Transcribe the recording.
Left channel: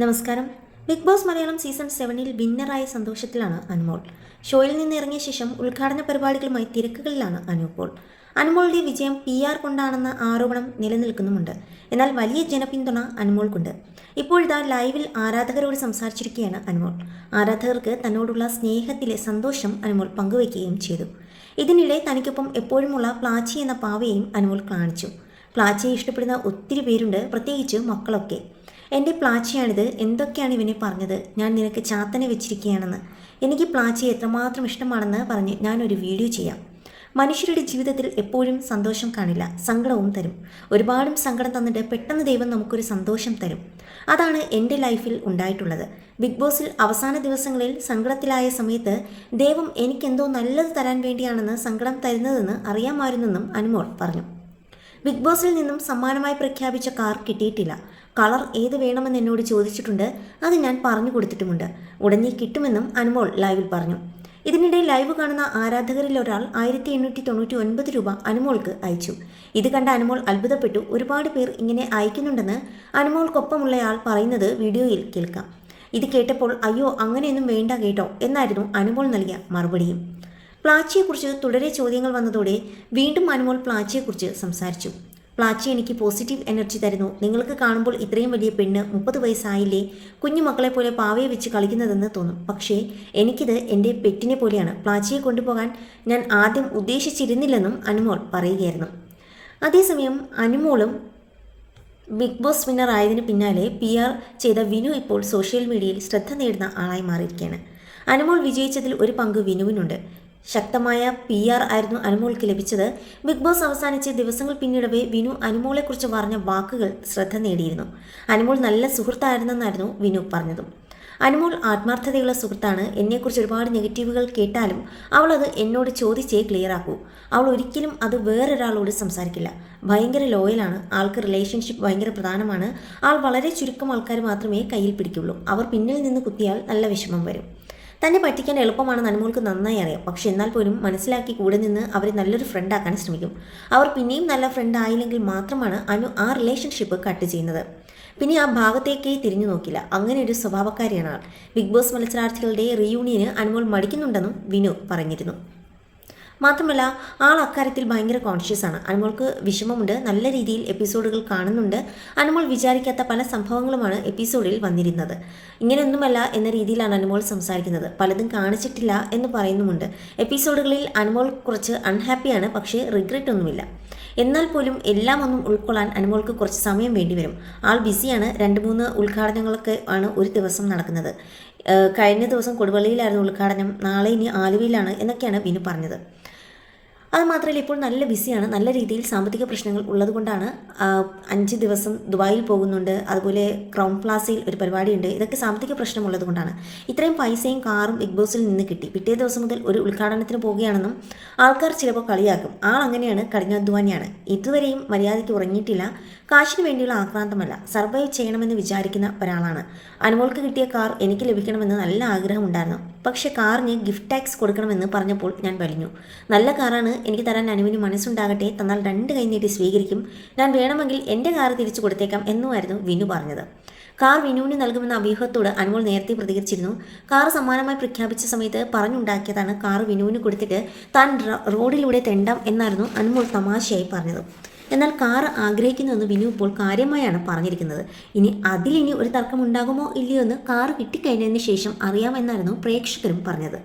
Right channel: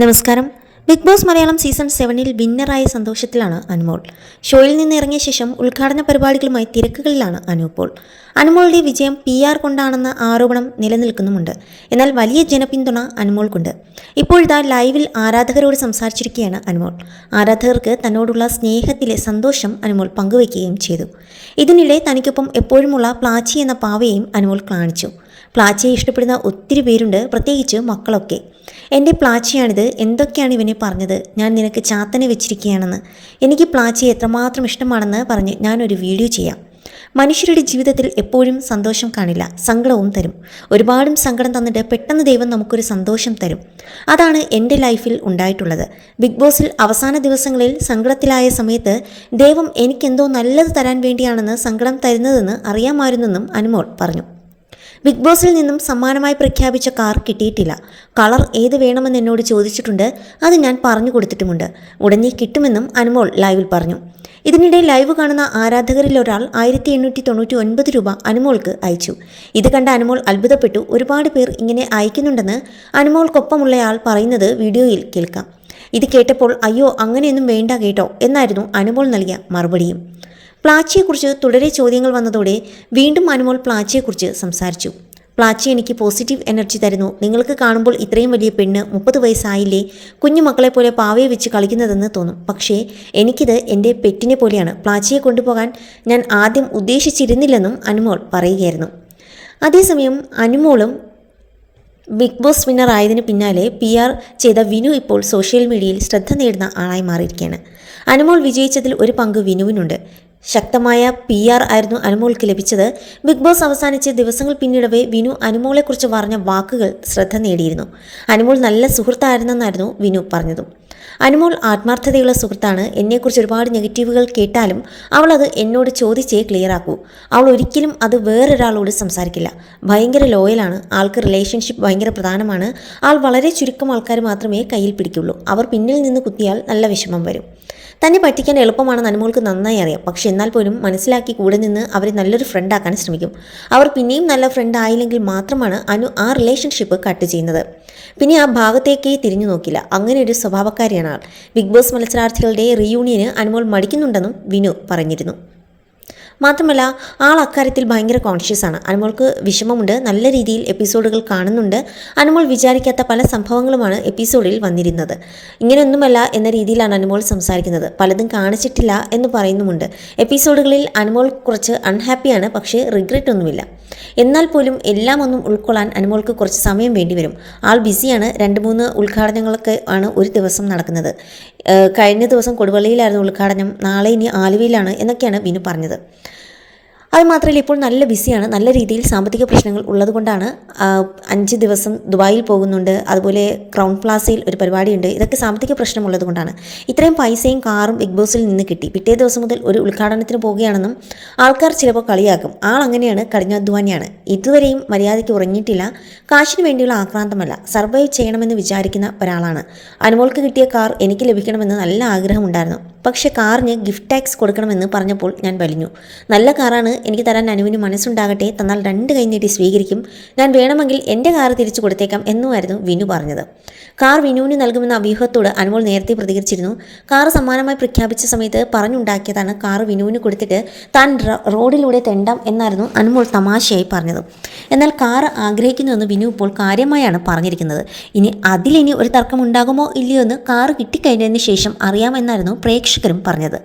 നമസ്കാരം. Big boss Malayalam season 7-ൽ വിന്നറായ സന്തോഷത്തിലാണ് അനുമോൾ. ഷോയിൽ നിന്ന് ഇറങ്ങിയ ശേഷം ഉദ്ഘാടന പരിപാടികളുമായി തിരക്കുകളിലാണ് അനുപ്പോൾ. അനുമോളുടെ വിജയം PR കൊണ്ടാണെന്ന ആരോപണം നിലനിൽക്കുന്നുമുണ്ട്. എന്നാൽ വലിയ ജനപിന്തുണ അനുമോൾക്കുണ്ട്. ഇപ്പോഴിതാ ലൈവിൽ ആരാധകരോട് സംസാരിച്ചിരിക്കുകയാണ് അനുമോൾ. ആരാധകർക്ക് തന്നോടുള്ള സ്നേഹത്തിലെ സന്തോഷം അനുമോൾ പങ്കുവയ്ക്കുകയും ചെയ്തു. ഇതിനിടെ തനിക്കൊപ്പം എപ്പോഴുമുള്ള പ്ലാച്ചി എന്ന പാവയെയും അനുമോൾ കാണിച്ചു. പ്ലാച്ചിയെ ഇഷ്ടപ്പെടുന്ന ഒത്തിരി പേരുണ്ട്, പ്രത്യേകിച്ച് മക്കളൊക്കെ. എൻ്റെ പ്ലാച്ചിയാണിത്, എന്തൊക്കെയാണ് ഇവനെ പറഞ്ഞത്, ഞാൻ നിനക്ക് ചാത്തനെ വെച്ചിരിക്കുകയാണെന്ന്, എനിക്ക് പ്ലാച്ചിയെ എത്രമാത്രം ഇഷ്ടമാണെന്ന് പറഞ്ഞ് ഞാനൊരു വീഡിയോ ചെയ്യാം. മനുഷ്യരുടെ ജീവിതത്തിൽ എപ്പോഴും സന്തോഷം കാണില്ല, സങ്കടവും തരും. ഒരുപാടും സങ്കടം തന്നിട്ട് പെട്ടെന്ന് ദൈവം നമുക്കൊരു സന്തോഷം തരും. അതാണ് എൻ്റെ ലൈഫിൽ ഉണ്ടായിട്ടുള്ളത്. ബിഗ് ബോസിൽ അവസാന ദിവസങ്ങളിൽ സങ്കടത്തിലായ സമയത്ത് ദൈവം എനിക്കെന്തോ നല്ലത് തരാൻ വേണ്ടിയാണെന്ന് സങ്കടം തരുന്നതെന്ന് അറിയാമായിരുന്നെന്നും അനുമോൾ പറഞ്ഞു. ബിഗ് ബോസിൽ നിന്നും സമ്മാനമായി പ്രഖ്യാപിച്ച കാർ കിട്ടിയിട്ടില്ല. കളർ ഏത് വേണമെന്ന് എന്നോട് ചോദിച്ചിട്ടുണ്ട്, അത് ഞാൻ പറഞ്ഞു കൊടുത്തിട്ടുമുണ്ട്. ഉടനെ കിട്ടുമെന്നും അനുമോൾ ലൈവിൽ പറഞ്ഞു. ഇതിനിടെ ലൈവ് കാണുന്ന ആരാധകരിൽ ഒരാൾ 1899 രൂപ അനുമോൾക്ക് അയച്ചു. ഇത് കണ്ട അനുമോൾ അത്ഭുതപ്പെട്ടു. ഒരുപാട് പേർ ഇങ്ങനെ അയക്കുന്നുണ്ടെന്ന് അനുമോൾക്കൊപ്പമുള്ളയാൾ പറയുന്നത് വീഡിയോയിൽ കേൾക്കാം. ഇത് കേട്ടപ്പോൾ അയ്യോ അങ്ങനെയൊന്നും വേണ്ട കേട്ടോ എന്നായിരുന്നു അനുമോൾ നൽകിയ മറുപടിയും. പ്ലാച്ചിയെക്കുറിച്ച് തുടരെ ചോദ്യങ്ങൾ വന്നതോടെ വീണ്ടും അനുമോൾ പ്ലാച്ചിയെക്കുറിച്ച് സംസാരിച്ചു. പ്ലാച്ചി എനിക്ക് പോസിറ്റീവ് എനർജി തരുന്നു. നിങ്ങൾക്ക് കാണുമ്പോൾ ഇത്രയും വലിയ പെണ്ണ് 30 വയസ്സായില്ലേ, കുഞ്ഞുമക്കളെ പോലെ പാവയെ വെച്ച് കളിക്കുന്നതെന്ന് തോന്നും. പക്ഷേ എനിക്കിത് എൻ്റെ പെറ്റിനെ പോലെയാണ്. പ്ലാച്ചിയെ കൊണ്ടുപോകാൻ ഞാൻ ആദ്യം ഉദ്ദേശിച്ചിരുന്നില്ലെന്നും അനുമോൾ പറയുകയായിരുന്നു. അതേസമയം അനുമോളും ബിഗ് ബോസ് വിന്നർ ആയതിന് പിന്നാലെ PR ചെയ്ത വിനു ഇപ്പോൾ സോഷ്യൽ മീഡിയയിൽ ശ്രദ്ധ നേടുന്ന ആളായി മാറിയിരിക്കുകയാണ്. അനുമോൾ വിജയിച്ചതിൽ ഒരു പങ്ക് വിനുവിനുണ്ട്. ശക്തമായ PR ആയിരുന്നു അനുമോൾക്ക് ലഭിച്ചത്. ബിഗ് ബോസ് അവസാനിച്ച് ദിവസങ്ങൾ പിന്നിടവേ വിനു അനുമോളെക്കുറിച്ച് പറഞ്ഞ വാക്കുകൾ ശ്രദ്ധ നേടിയിരുന്നു. അനുമോൾ നല്ല സുഹൃത്തായിരുന്നെന്നായിരുന്നു വിനു പറഞ്ഞതും. അനുമോൾ ആത്മാർത്ഥതയുള്ള സുഹൃത്താണ്. എന്നെക്കുറിച്ച് ഒരുപാട് നെഗറ്റീവുകൾ കേട്ടാലും അവൾ അത് എന്നോട് ചോദിച്ചേ ക്ലിയറാക്കൂ. അവൾ ഒരിക്കലും അത് വേറൊരാളോട് സംസാരിക്കില്ല. ഭയങ്കര ലോയലാണ്. ആൾക്ക് റിലേഷൻഷിപ്പ് ഭയങ്കര പ്രധാനമാണ്. ആൾ വളരെ ചുരുക്കം ആൾക്കാർ മാത്രമേ കയ്യിൽ പിടിക്കുള്ളൂ. അവർ പിന്നിൽ നിന്ന് കുത്തിയാൽ നല്ല വിഷമം വരും. തന്നെ പറ്റിക്കാൻ എളുപ്പമാണെന്ന് അനുമോൾക്ക് നന്നായി അറിയാം. പക്ഷെ എന്നാൽ പോലും മനസ്സിലാക്കി കൂടെ നിന്ന് അവരെ നല്ലൊരു ഫ്രണ്ടാക്കാൻ ശ്രമിക്കും. അവർ പിന്നെയും നല്ല ഫ്രണ്ട് ആയില്ലെങ്കിൽ മാത്രമാണ് ആ റിലേഷൻഷിപ്പ് കട്ട് ചെയ്യുന്നത്. പിന്നെ ആ ഭാഗത്തേക്കേ തിരിഞ്ഞു നോക്കില്ല. അങ്ങനെ ഒരു സ്വഭാവക്കാരിയാണ് ആൾ. Big boss മത്സരാർത്ഥികളുടെ reunion Anumol മടിക്കുന്നുണ്ടെന്നും Vinu പറഞ്ഞിരുന്നു. മാത്രമല്ല ആൾ അക്കാര്യത്തിൽ ഭയങ്കര കോൺഷ്യസ് ആണ്. അനുമോൾക്ക് വിഷമമുണ്ട്. നല്ല രീതിയിൽ എപ്പിസോഡുകൾ കാണുന്നുണ്ട്. അനുമോൾ വിചാരിക്കാത്ത പല സംഭവങ്ങളുമാണ് എപ്പിസോഡിൽ വന്നിരുന്നത്. ഇങ്ങനെയൊന്നുമല്ല എന്ന രീതിയിലാണ് അനുമോൾ സംസാരിക്കുന്നത്. പലതും കാണിച്ചിട്ടില്ല എന്ന് പറയുന്നുമുണ്ട്. എപ്പിസോഡുകളിൽ അനുമോൾ കുറച്ച് അൺഹാപ്പിയാണ്, പക്ഷേ റിഗ്രറ്റ് ഒന്നുമില്ല. എന്നാൽ പോലും എല്ലാം ഒന്നും ഉൾക്കൊള്ളാൻ അനുമോൾക്ക് കുറച്ച് സമയം വേണ്ടി വരും. ആൾ ബിസിയാണ്. 2-3 ഉദ്ഘാടനങ്ങളൊക്കെ ആണ് ഒരു ദിവസം നടക്കുന്നത്. കഴിഞ്ഞ ദിവസം കൊടുവള്ളിയിലായിരുന്നു ഉദ്ഘാടനം. നാളെ ഇനി ആലുവയിലാണ് എന്നൊക്കെയാണ് വിനു പറഞ്ഞത്. അതുമാത്രമല്ല ഇപ്പോൾ നല്ല ബിസിയാണ്. നല്ല രീതിയിൽ സാമ്പത്തിക പ്രശ്നങ്ങൾ ഉള്ളതുകൊണ്ടാണ് 5 ദിവസം ദുബായിൽ പോകുന്നുണ്ട്. അതുപോലെ ക്രൗൺ പ്ലാസയിൽ ഒരു പരിപാടിയുണ്ട്. ഇതൊക്കെ സാമ്പത്തിക പ്രശ്നമുള്ളത് കൊണ്ടാണ്. ഇത്രയും പൈസയും കാറും ബിഗ് ബോസിൽ നിന്ന് കിട്ടി. പിറ്റേ ദിവസം മുതൽ ഒരു ഉദ്ഘാടനത്തിന് പോവുകയാണെന്നും ആൾക്കാർ ചിലപ്പോൾ കളിയാക്കും. ആൾ അങ്ങനെയാണ്, കഠിനാധ്വാനിയാണ്. ഇതുവരെയും മര്യാദയ്ക്ക് ഉറങ്ങിയിട്ടില്ല. കാശിന് വേണ്ടിയുള്ള ആക്രാന്തമല്ല, സർവൈവ് ചെയ്യണമെന്ന് വിചാരിക്കുന്ന ഒരാളാണ്. അനുമോൾക്ക് കിട്ടിയ കാർ എനിക്ക് ലഭിക്കണമെന്ന് നല്ല ആഗ്രഹമുണ്ടായിരുന്നു. പക്ഷേ കാറിന് ഗിഫ്റ്റ് ടാക്സ് കൊടുക്കണമെന്ന് പറഞ്ഞപ്പോൾ ഞാൻ വലിഞ്ഞു. നല്ല കാറാണ്, എനിക്ക് തരാൻ അനുവിന് മനസ്സുണ്ടാകട്ടെ, തന്നാൽ 2 കൈ നീട്ടി സ്വീകരിക്കും. ഞാൻ വേണമെങ്കിൽ എൻ്റെ കാർ തിരിച്ചു കൊടുത്തേക്കാം എന്നുമായിരുന്നു വിനു പറഞ്ഞത്. കാർ വിനുവിന് നൽകുമെന്ന അഭ്യൂഹത്തോട് അനുമോൾ നേരത്തെ പ്രതികരിച്ചിരുന്നു. കാർ സമ്മാനമായി പ്രഖ്യാപിച്ച സമയത്ത് പറഞ്ഞുണ്ടാക്കിയതാണ് കാർ വിനുവിന് കൊടുത്തിട്ട് താൻ റോഡിലൂടെ തെണ്ടാം എന്നായിരുന്നു അനുമോൾ തമാശയായി പറഞ്ഞത്. എന്നാൽ കാർ ആഗ്രഹിക്കുന്നുവെന്ന് വിനു ഇപ്പോൾ കാര്യമായാണ് പറഞ്ഞിരിക്കുന്നത്. അതിലിനി ഒരു തർക്കമുണ്ടാകുമോ ഇല്ലയോ എന്ന് കാർ കിട്ടിക്കഴിഞ്ഞതിന് ശേഷം അറിയാമെന്നായിരുന്നു പ്രേക്ഷകരും പറഞ്ഞത്.